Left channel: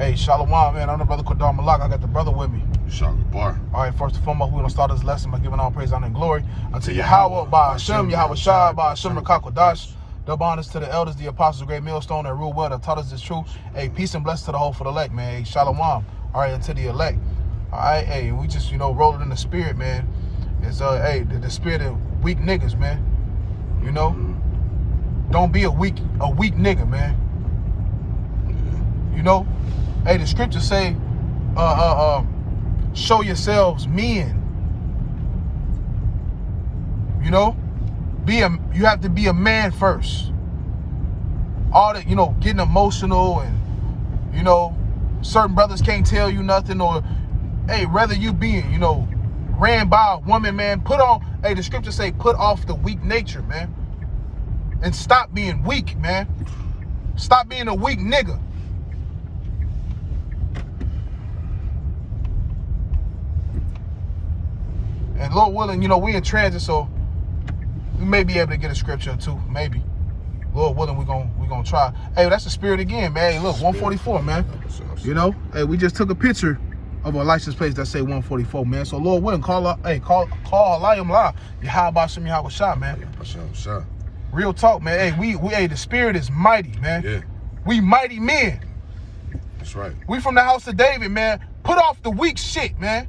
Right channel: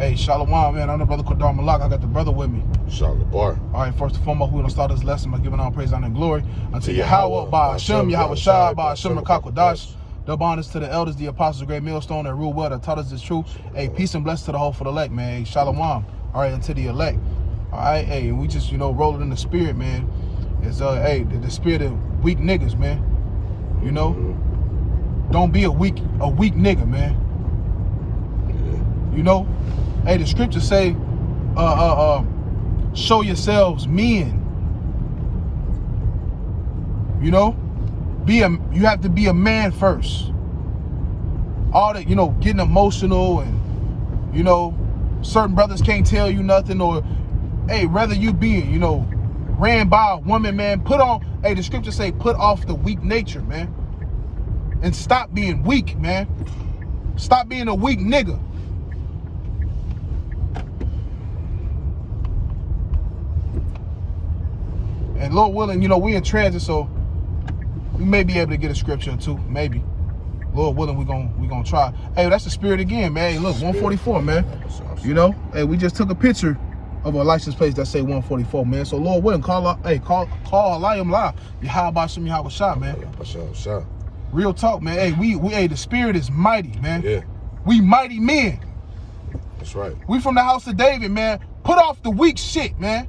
Hey, Shalom, man. I'm the brother Qadar Malak. I got the brother with me. Shalom Bar. All right, first and foremost, we're going to start this lesson by giving all praise, honor, and glory unto Yahweh, by Hashem, Yahweh Shai, by Hashem, Rakakwadash. Double honors to the elders, the apostles, great millstone, that rule well, that taught us this truth. Hey, peace and blessings to the whole for the elect, man. Hey, Shalom. All right, and to the elect. All right, hey, we just, rolling in the spirit, man. It's, hey, the spirit of weak niggas, man. Don't be a weak nigga, man. Hey, the scriptures say, show yourselves men. You have to be a man first. All that, getting emotional and, certain brothers can't tell you nothing, or, hey, rather you being, ran by a woman, man, hey, the scriptures say, put off the weak nature, man. And stop being weak, man. Stop being a weak nigga. And Lord willing, we in transit, so we may be able to get a scripture or two, maybe. Lord willing, we gonna try. Hey, that's the spirit again, man. Hey, look, 144, man. Hey, we just took a picture of a license plate that say 144, man. So Lord willing, call Elayim live. Yahweh Shem Yahweh Shai, man. Real talk, man. Hey, the spirit is mighty, man. Yeah. We mighty men. That's right. We from the house of David, man. Put off the weak shit, man.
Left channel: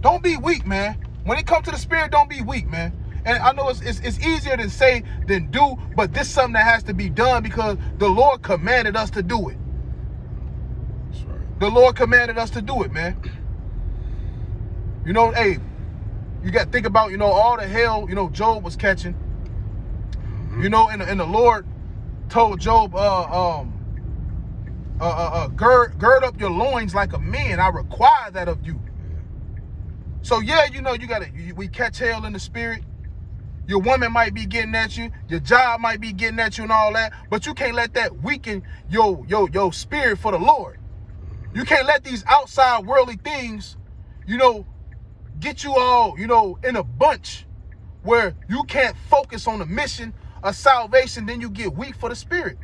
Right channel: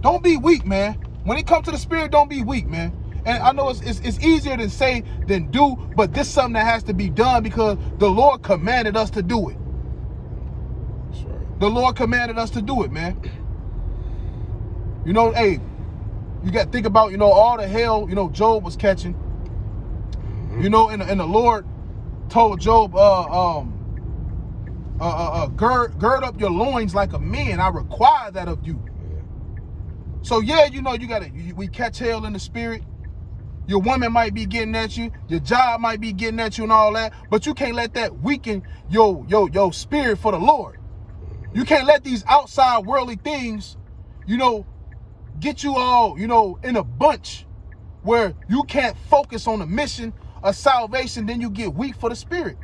Don't be weak, man. When it comes to the spirit, don't be weak, man. And I know it's easier to say than do, but this is something that has to be done because the Lord commanded us to do it. That's right. The Lord commanded us to do it, man. Hey, you got to think about, all the hell, Job was catching. And the Lord told Job, gird up your loins like a man. I require that of you. So yeah, we catch hell in the spirit. Your woman might be getting at you, your job might be getting at you and all that, but you can't let that weaken your spirit for the Lord. You can't let these outside worldly things, get you all, in a bunch where you can't focus on the mission of salvation, then you get weak for the spirit.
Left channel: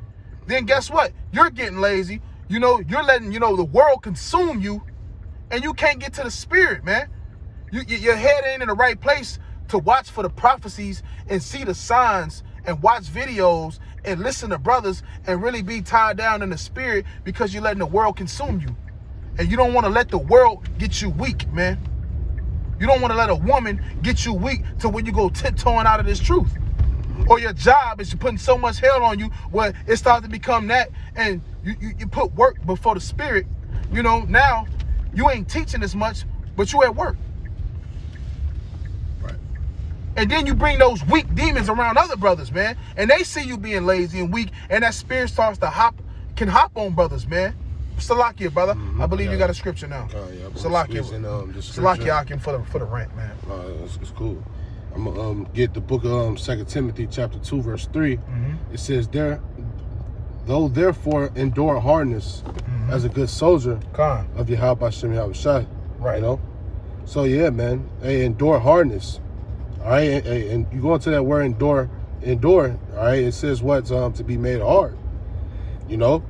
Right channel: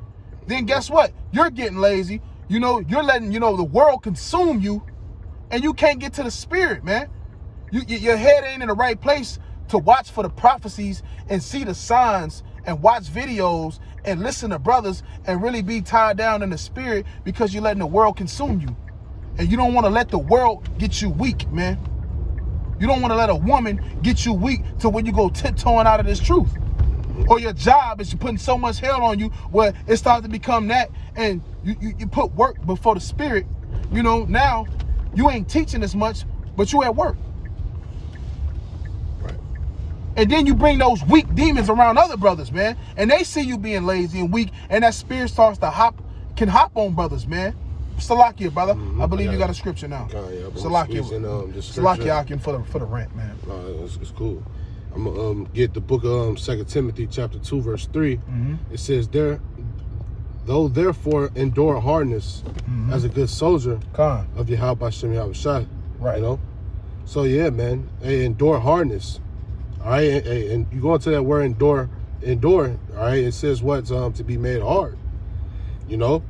Then guess what? You're getting lazy. You're letting, the world consume you, and you can't get to the spirit, man. Your head ain't in the right place to watch for the prophecies and see the signs and watch videos and listen to brothers and really be tied down in the spirit because you're letting the world consume you. And you don't want to let the world get you weak, man. You don't want to let a woman get you weak to when you go tiptoeing out of this truth. Or your job is putting so much hell on you where it starts to become that, and you put work before the spirit. Now you ain't teaching as much, but you at work. And then you bring those weak demons around other brothers, man. And they see you being lazy and weak, and that spirit starts to can hop on brothers, man. Salakia, brother. I believe you got a scripture now. Yeah, Salakia. Salakia Akim for the rant, man. It's cool. I'm going to get the book of 2 Timothy chapter 2, verse 3. It says, though therefore endure hardness as a good soldier of Yahweh Shem Yahweh Shai. Right. So yeah, man. Hey, endure hardness. All right, and you go into that word endure, all right, it says what's to be made hard, all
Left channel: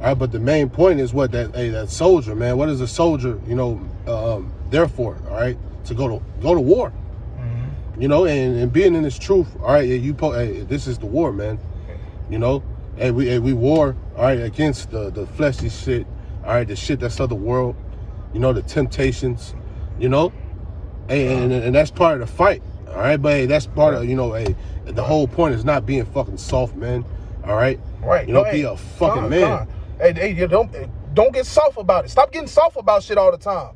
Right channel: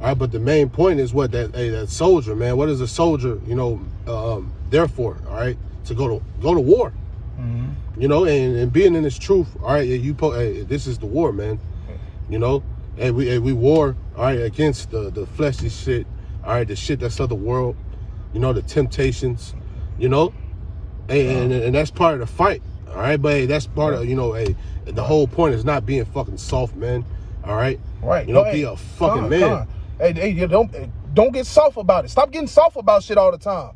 right, but the main point is that soldier, man, what is a soldier, therefore, all right, to go to war, and being in this truth, all right, this is the war, man, and we war, all right, against the fleshly shit, all right, the shit that's of the world, the temptations, and that's part of the fight. All right, but hey, that's part of, the whole point is not being fucking soft, man. All right? Right. Be a fucking man. Hey, don't get soft about it. Stop getting soft about shit all the time.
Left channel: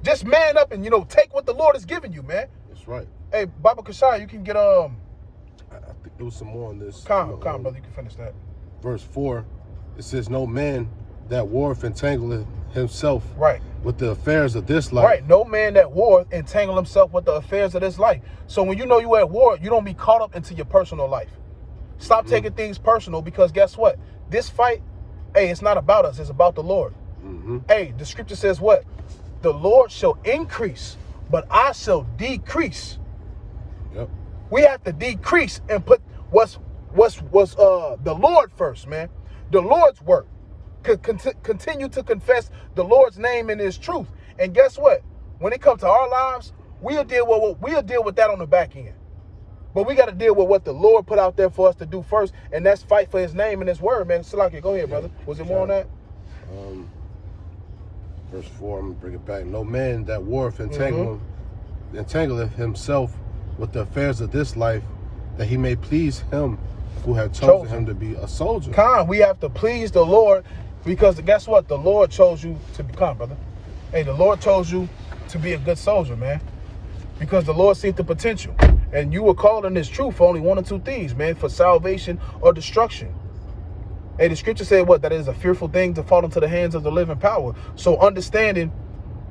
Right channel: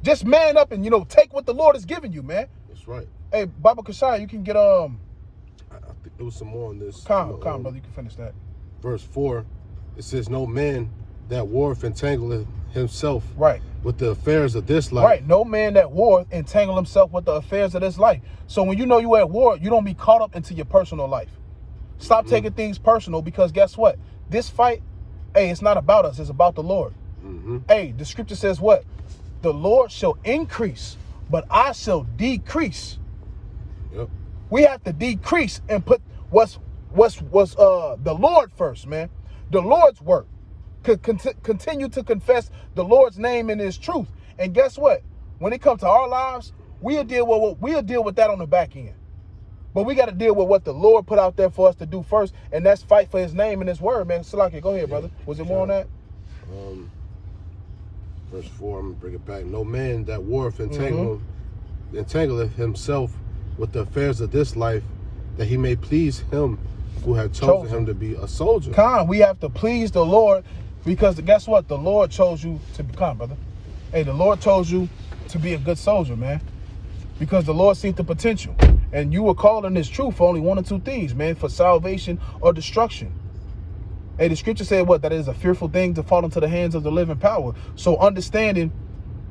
Just man up and, take what the Lord has given you, man. That's right. Hey, Baba Kashai, you can get, I think there was some more on this. Brother, you can finish that. Verse 4, it says, no man that warreth entangleth himself with the affairs of this life. Right, no man that war entangle himself with the affairs of this life. So when you at war, you don't be caught up into your personal life. Stop taking things personal, because guess what? This fight, hey, it's not about us, it's about the Lord. Hey, the scripture says what? The Lord shall increase, but I shall decrease. Yep. We have to decrease and put what's the Lord first, man. The Lord's work. continue to confess the Lord's name and His truth. And guess what? When it comes to our lives, we'll deal with that on the back end. But we got to deal with what the Lord put out there for us to do first, and that's fight for His name and His word, man. Salaki, go ahead, brother. Was it more on that? Verse 4, I'm going to bring it back. No man that warreth entangleth himself with the affairs of this life, that he may please him who had chosen him to be a soldier. We have to please the Lord, because guess what? The Lord chose you to become, brother. Hey, the Lord chose you to be a good soldier, man. Because the Lord sees the potential. And you were called in this truth for only one or two things, man, for salvation or destruction. Hey, the scripture said what? That it is a fearful thing to fall into the hands of the living power. So understanding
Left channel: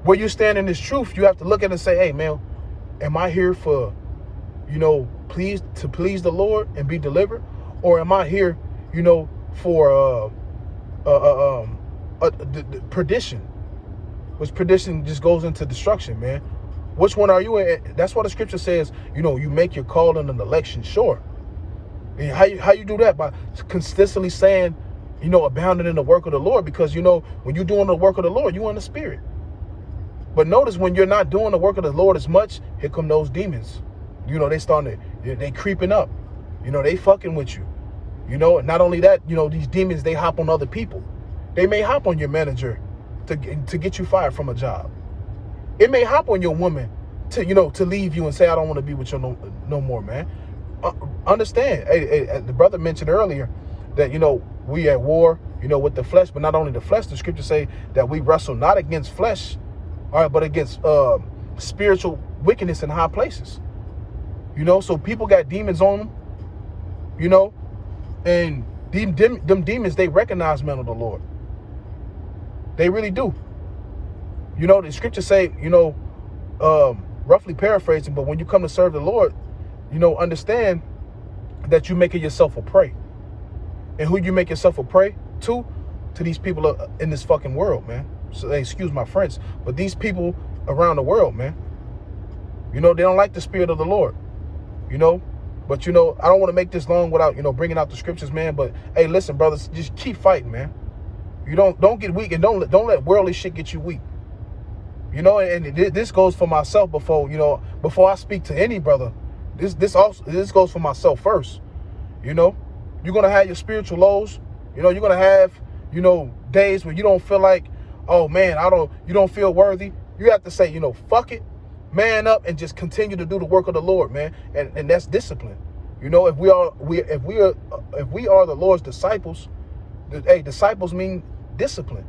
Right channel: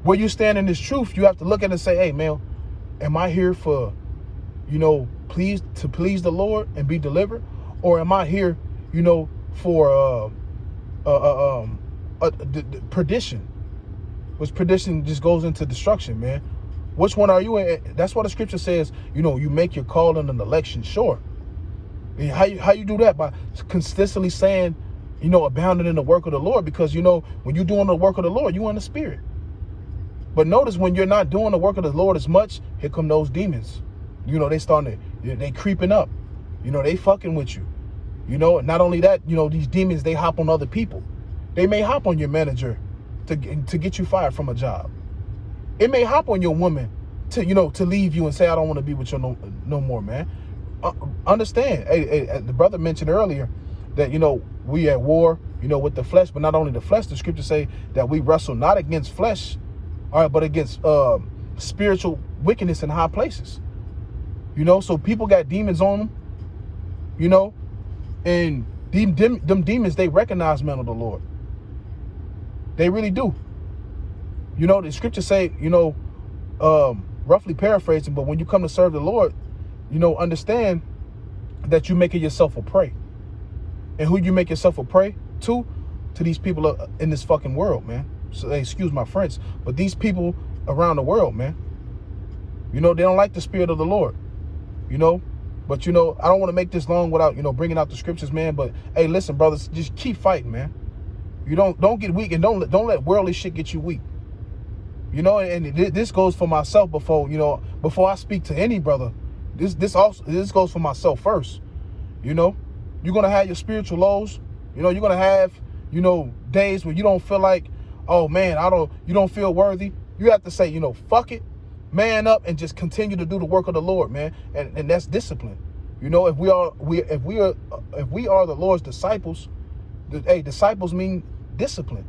where you stand in this truth, you have to look at it and say, hey, man, am I here for, please the Lord and be delivered? Or am I here, for perdition? Which perdition just goes into destruction, man. Which one are you in? That's why the scripture says, you make your calling and election sure. And how you do that? By consistently saying, abounding in the work of the Lord. Because, when you're doing the work of the Lord, you're in the spirit. But notice when you're not doing the work of the Lord as much, here come those demons. They creeping up. They fucking with you. Not only that, these demons, they hop on other people. They may hop on your manager to get you fired from a job. It may hop on your woman to leave you and say, I don't want to be with you no more, man. Understand. Hey, the brother mentioned earlier that, we at war, with the flesh, but not only the flesh. The scriptures say that we wrestle not against flesh, all right, but against spiritual wickedness in high places. So people got demons on them, and them demons, they recognize men of the Lord. They really do. The scriptures say, roughly paraphrasing, but when you come to serve the Lord, understand that you're making yourself a prey. And who you make yourself a prey to? To these people in this fucking world, man. So excuse my French, but these people around the world, man. They don't like the spirit of the Lord. But I don't want to make this long without bringing out the scriptures, man. But hey, listen, brothers, just keep fighting, man. You don't get weak, and don't let worldly shit get you weak. And this goes for myself before I speak to any brother. This goes for myself first. You're gonna have your spiritual lows. You're gonna have days where you don't feel like, oh man, you don't feel worthy. You have to say, fuck it, man up, and just continue to do the work of the Lord, man. And that's discipline. If we are the Lord's disciples, disciples mean discipline.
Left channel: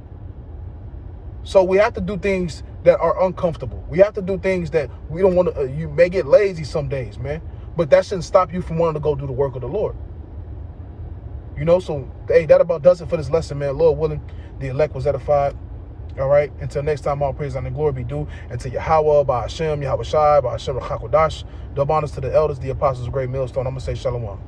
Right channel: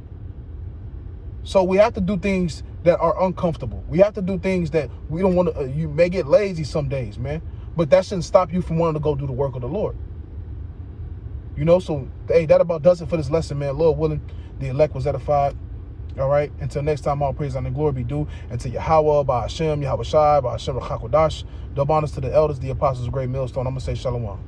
So we have to do things that are uncomfortable. We have to do things that we don't want to. You may get lazy some days, man, but that shouldn't stop you from wanting to go do the work of the Lord. So hey, that about does it for this lesson, man. Lord willing, the elect was edified. All right. Until next time, all praise and glory be due. And to Yahweh, by Hashem, Yahweh Shai, by Hashem Hakodash. Double honors to the elders, the apostles of Great Millstone. I'm gonna say Shalom.